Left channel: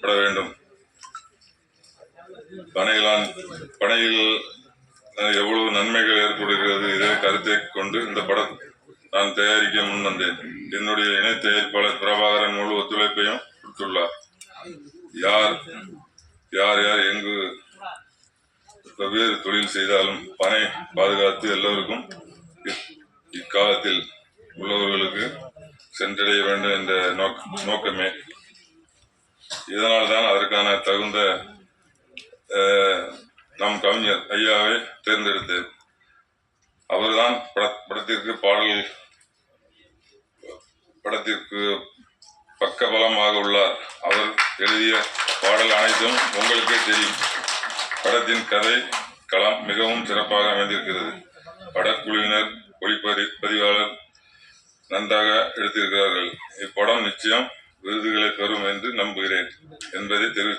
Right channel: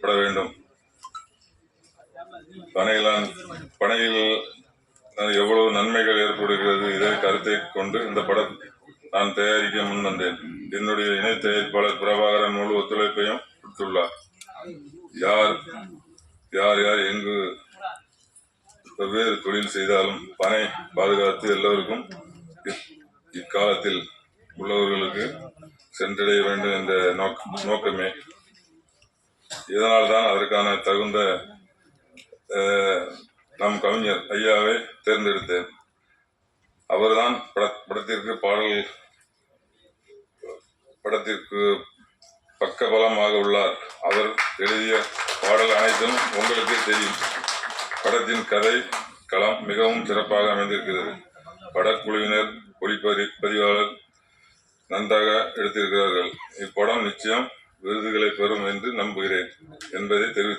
பட வேண்டும். பனையில் எவ்வளவு நன்மைகள் ஏற்படுகிறது இதை கருத்தை கொண்டு இந்த படம் நான் தயாரிக்க முன் வந்தேன். என்னுடைய இணை தயாரிப்பாளர் பிரபாகரன் முழு ஒத்துழைப்பையும் கொடுத்துள்ளார். யார் யார் யார் எங்கு வெவ்வேறு தொழில் செய்தாலும் பனை பாதுகாத்து எல்லோருக்கும் இக்காலத்தில் உள்ளவர்களுக்கு சென்றடைய வேண்டும் என்ற நோக்கமே. இதனால்தான் அதற்கான தகுந்த நம் கவிஞர் ஐயாவை தேர்ந்தெடுத்தேன். அவர்தான் படத்திற்கு பக்கபலமாக உள்ளார். அவர் எழுதிய பாடல் அனைத்தும் உங்களுக்கே தெரியும். படத்தின் கதை களம் மிகவும் சிறப்பாக அமைந்திருக்கிறது. படக்குழுவினர் ஒளிப்பதிவாளர் நன்றாக எடுத்திருக்கிறார்கள். இப்படம் நிச்சயம் விருதுகளை பெறும் என்று நம்புகிறேன் என்பதை தெரிவித்து